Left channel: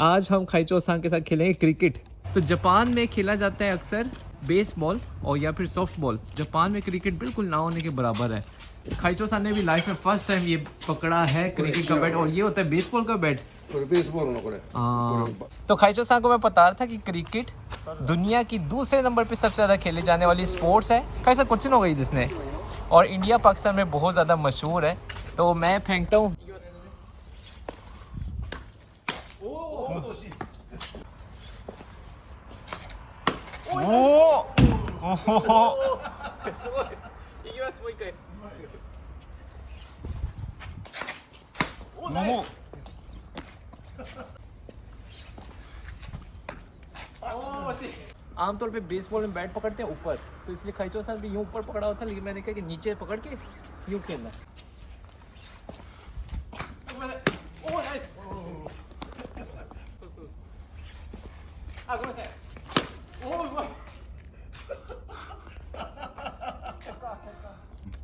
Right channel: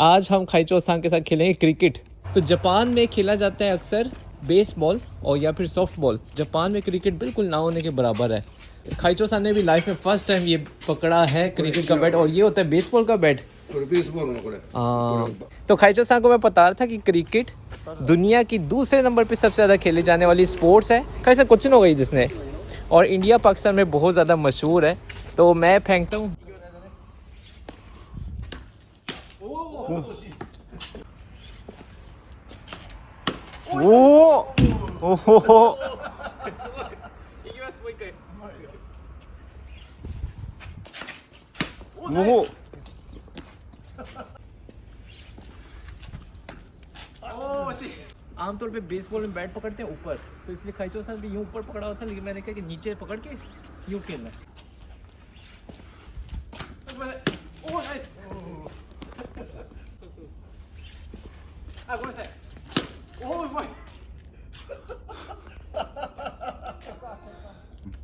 आज हम खाइचो सांग के साथ खेलेंगे क्रिकेट। तो जापान में खेला जाता है अक्सर बेसबॉल और या फिर सॉफ्ट बॉल। जापान में क्रिकेट बिल्कुल ना होने के बराबर है। खाइचो सांग ने भी लाइफ में फर्स्ट टाइम ये पकड़ा है क्रिकेट का बैट, और ये होता है बेसबॉल का बैट। तो खाइचो सांग को मैं बता रहा था कि क्रिकेट दुनिया की दूसरे नंबर पे सबसे ज़्यादा खेले जाने वाली स्पोर्ट्स है। कैसा क्वेश्चन हो गई जिसने, और इंडिया पाकिस्तान में बहुत ज़्यादा मशहूर है। तो मैं फेंकता हूँ। आमतौर पे बेसबॉल में बैट पकड़ते हैं ऊपर, तो इसलिए खाइचो सांग भी यूं ऊपर पकड़ा हुआ था, लेकिन मैंने कहा कि नीचे पकड़ के यूं खेलना है।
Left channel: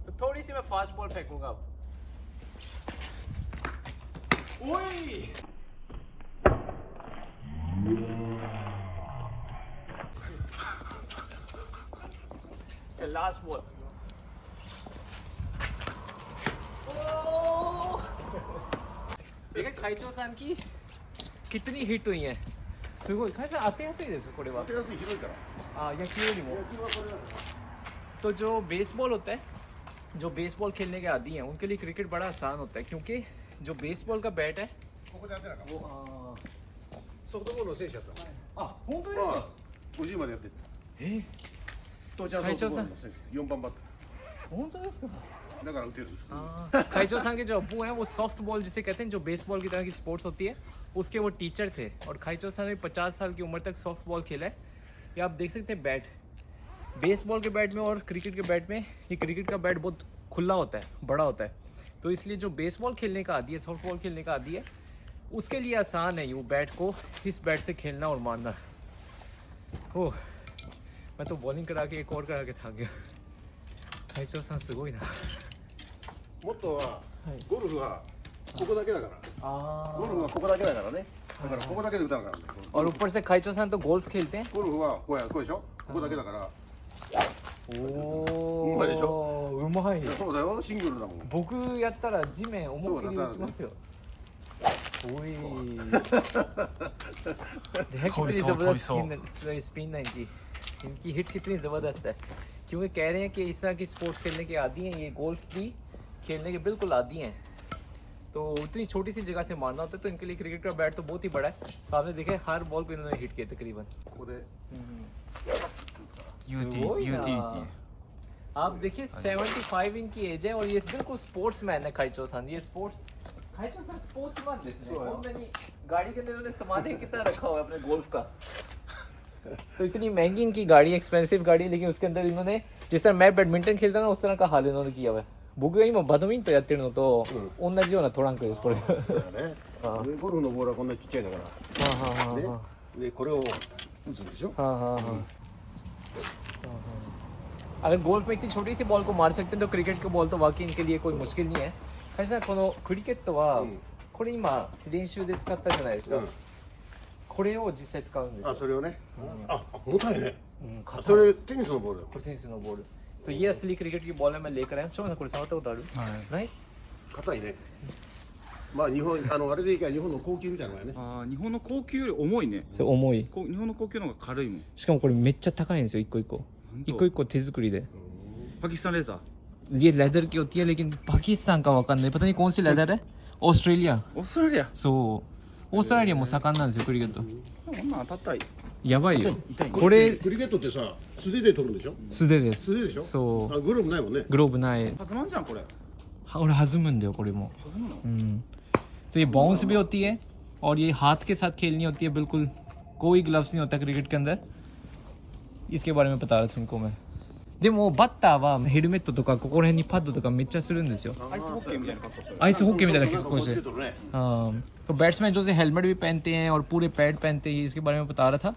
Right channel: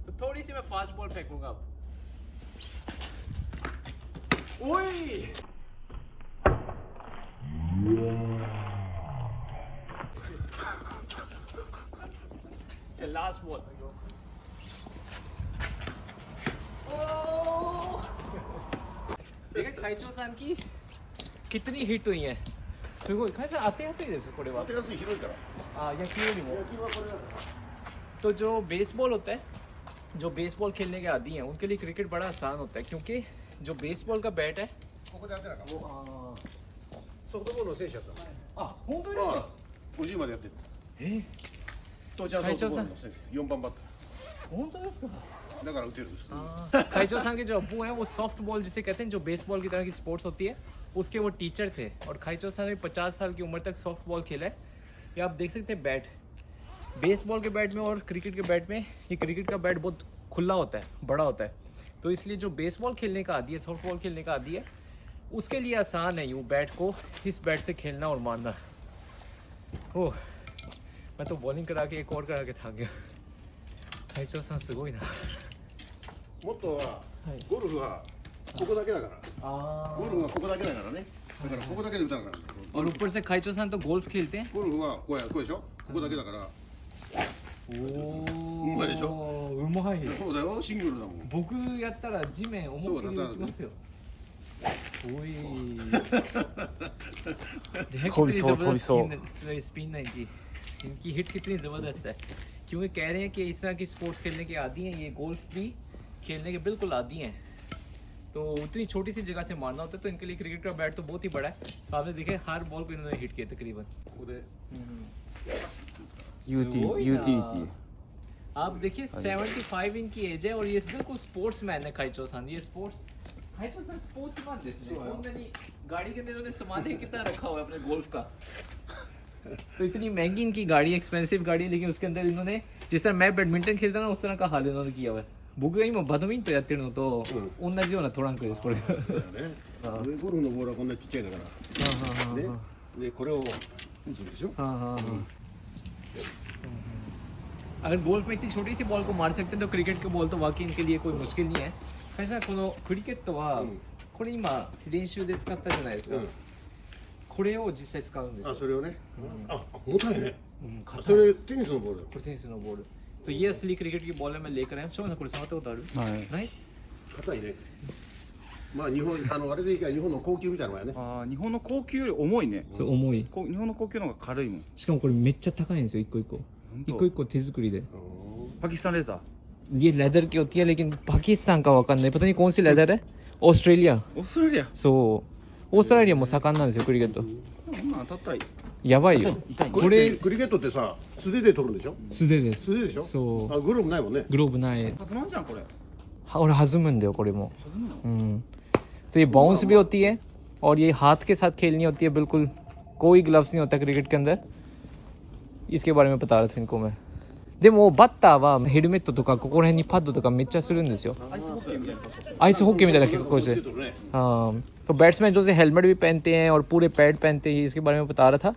तो थोड़ी सी मैं फास्ट बॉल फेंकूंगा अब। चल लास्ट बॉल। देखा खाइचो सांग की कितनी हिट हुई है। सुगोई कैसे आते हैं सही जैसे कोड़े वापस। हाँ या क्यों नहीं वो। तो जो बेसबॉल होता है, जो बेसबॉल खेलने के आदी हैं उनके लिए क्रिकेट बड़ा आसान होता है, क्योंकि जो बेसबॉल का बैट है वो खाइचो सांग के जो अब्बू हैं वो सॉफ्ट बॉल जिसे कहते हैं, जो बेसबॉल की तरह की स्पोर्ट्स होती है, उसके वो टीचर थे। और खाइचो सांग ने 50 साल की उम्र तक सॉफ्ट बॉल खेला है। ये आप देख सकते हैं बैट, बेसबॉल के बैट में और क्रिकेट के बैट में, ये क्रिकेट का बैट बहुत खुला होता है, बड़ा होता है। तो इसलिए जो बेसबॉल खेलने का आदी है, सॉफ्ट बॉल खेलने का आदी है, उसके लिए आसान है यूँ बैट को इस बैट से खेलना और मारना। ओह, मैं तो बॉलिंग करा के एक और करा के थक गया। खाइचो सांगすごいな。もっとはゴルフはここだけだから。ゴルフはここだけだからね。だからここだけで打たなかったんだよ。 और ऊपर से खाइचो सांग तो गोल्फ खेलते हैं। ゴルフはこうでしょ。ここだけだから。おお、うまいでしょ。うまい。そうだよ、シングルだもん。僕やったら地面思いっきり打ちますよ。おい。देख कितनी जबरदस्त स्पिन है इनकी। इनकी हिट कितनी जबरदस्त है, क्योंकि कह रहे हैं कि इस तरह की स्पोर्ट्स खेलने के आदी हैं, ये गोल्फ भी खेलने के बिल्कुल आदी हैं। तो उतनी छोटी सी जगह से मारना होता है, तो इनके लिए क्रिकेट का बैट तो बहुत ही बड़ा है। तो आपने देखे हर बॉल को इन्होंने हिट किया तकरीबन। आप देखिए 75 इनकी एज है और ये बिल्कुल स्पोर्ट्स मैन है खाइचो सांग। ये खाइचो सांग स्पोर्ट्स मैन लिस्ट गाड़ी के अंदर इन्होंने सामान कितना रखा हुआ है अपने गोल्फ का। तो इतनी महंगी इनकी गाड़ी, एक्सपेंसिव गाड़ी, लेकिन उसके अंदर इन्होंने जिस तरह मैं बैडमिंटन खेलता ना उस तरह का हाल इन्होंने किया हुआ है।僕が今バドミントンやってるのと同じようなトランクですこれ。そうだね。ゴルフのボールはこんなちっちゃいだから。でこれを打つんでしょ。 अगर गोल्फ में इतनी छोटी सी बॉल को मार सकते हैं तो क्रिकेट की बॉल तो वाकई इनके लिए कोई मुश्किल नहीं है। कैसाこのクリケットはこれ今練習で使ったじゃないですか。これを実際使うんですよ。あ、それをね。あ、重たいね。それテニスのボール。これテニスのボール。तो ये असली क्रिकेट की बॉल है, मैं लेकर आया हूँ।これ触ったことある？ない？硬いね。まあ日本あれでいいか、日本の高級みたいなのやね。ああ、日本の高級より重いね。そう重い。日本の高級の方が軽いもん。しかもこれめっちゃ高いんですよ、一個一個。一個一個手作りで。パキスタンレーザー。ये लेदर की होती है, लेकिन पाकिस्तान का वकान नहीं, पता नहीं कौन सी लेदर है। ऑस्ट्रेलिया। オーストラリア。そう。オーストラリアも盛んなんですよ、クリケット。こんなん当たったらやばいよ。これクリケットってさ、素手で取るんでしょ。素手です。素手でしょ。そう。グローブないもんね。グローブない。弾まんじゃんこれ。और弾むんだよこれも。弾むの？तो ये बाउंस भी होती है और ये हाथ के साथ खेलनी होती है, बिल्कुल कोई ग्लव्स नहीं होता क्रिकेट के अंदर। इसके बारे में बता रहा था इनको मैं। でもバッターはヘルメットとかここら辺にパッドとかめっちゃするんですよ。アイスホッケーみたいな格好してる。アイスホッケーみたいな格好してる。हाँ, तो बैट्समैन जो से हेलमेट भी पहनते हैं और पूरे पैड पहनते हैं, इसके बारे में बता रहा था।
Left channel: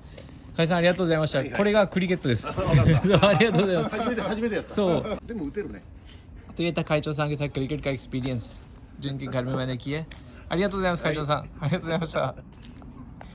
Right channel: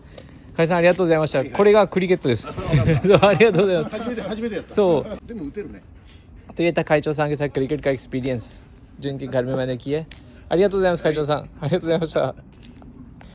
カイさんありがとうございました。これがクリケットです。ありがとうございます。初めてやった。そう。でも打てるね。तो ये था खाइचो सांग के साथ क्रिकेट का एक्सपीरियंस जो इनके घर में मैंने किया है। ありがとうございます、会長さん。ありがとうございました。